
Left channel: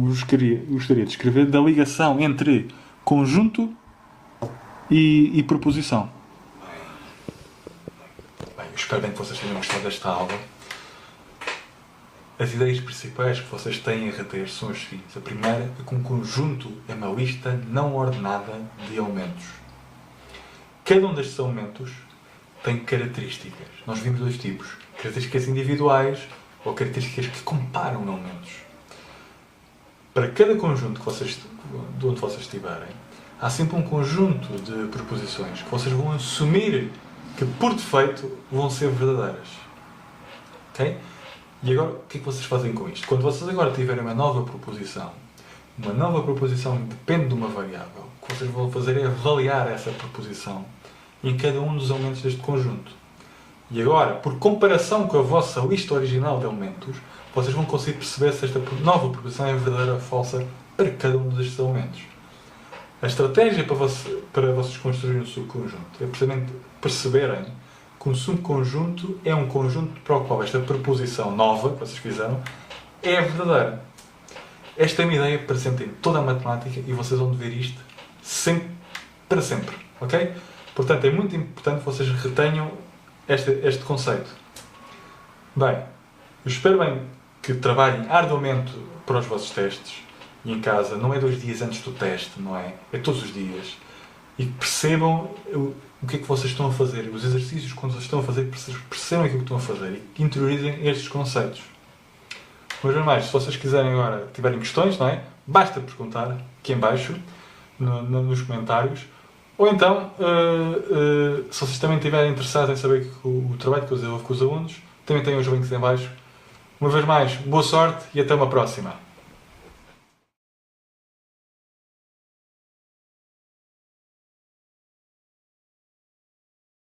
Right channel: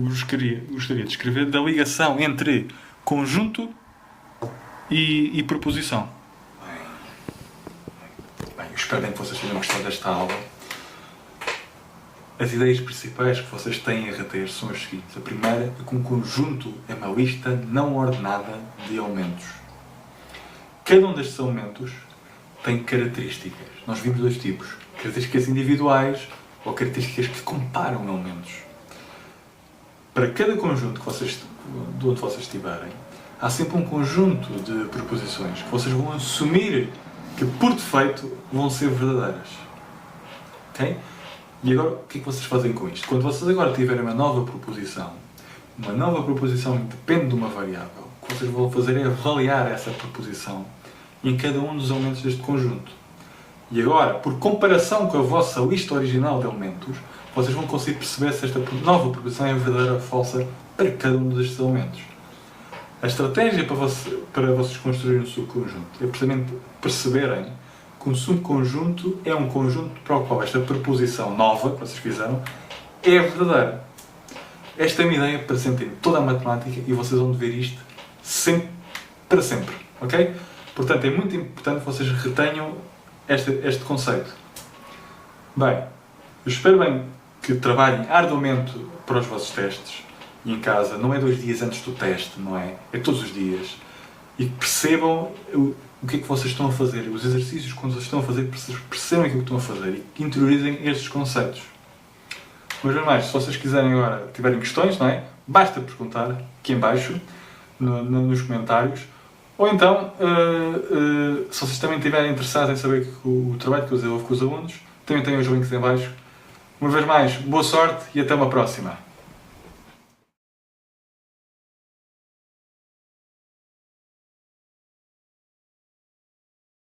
gostaria de escrever da ligação entre conjunto e proposição. Bem, eu espero bem que vocês tenham gostado desta aula. As ideias principais que vocês têm a reter são as seguintes. A primeira é que um conjunto é uma lista não ordenada de elementos. Cada um destes elementos tem características. Nós vimos dois tipos. Características individuais ou características que comparam elementos. Para cada conjunto de onde vocês estiverem, há sempre um conjunto de proposições que vocês vão assumir que, por defeito, vão ser verdadeiras. Ok? E agora, o que é que vocês fazem com isto? Quando vocês agora tiverem uma nova proposição depende de uma variável. O que vocês vão fazer é avaliar essa proposição em cada um dos elementos deste conjunto. E agora, por comparação com a vossa lista original de elementos, vocês vão conseguir perceber se esta nova proposição é verdadeira ou falsa para cada um destes elementos. A estratégia para vocês construírem um subconjunto é precisamente perceberem que um subconjunto é um conjunto para o qual esta proposição nova que vocês fizeram é verdadeira. Esta é uma ideia presente em toda a matemática e vocês vão ver isto sempre, para sempre. Ok? Portanto, é muito importante que vocês retenham este conceito. Bem, eu espero bem que trabalhem arduamente para os vossos testes e em casa. Não é 2 dias antes do teste, não é? É todos os dias. E que percebam o que é que vocês estão a fazer. Os exercícios, quando vocês estão a fazer, percebam aquilo que estão a fazer e que interiorizem estes conceitos. Mas, mais, se vocês quiserem agora, tiverem questões, não é? Basta perguntar aqui em baixo, nos comentários. Ou então, se vocês também estiverem interessados em saber o trabalho que eu desenvolvo com os alunos, também tenho os links em baixo. Uma vez mais, boa sorte e até uma próxima.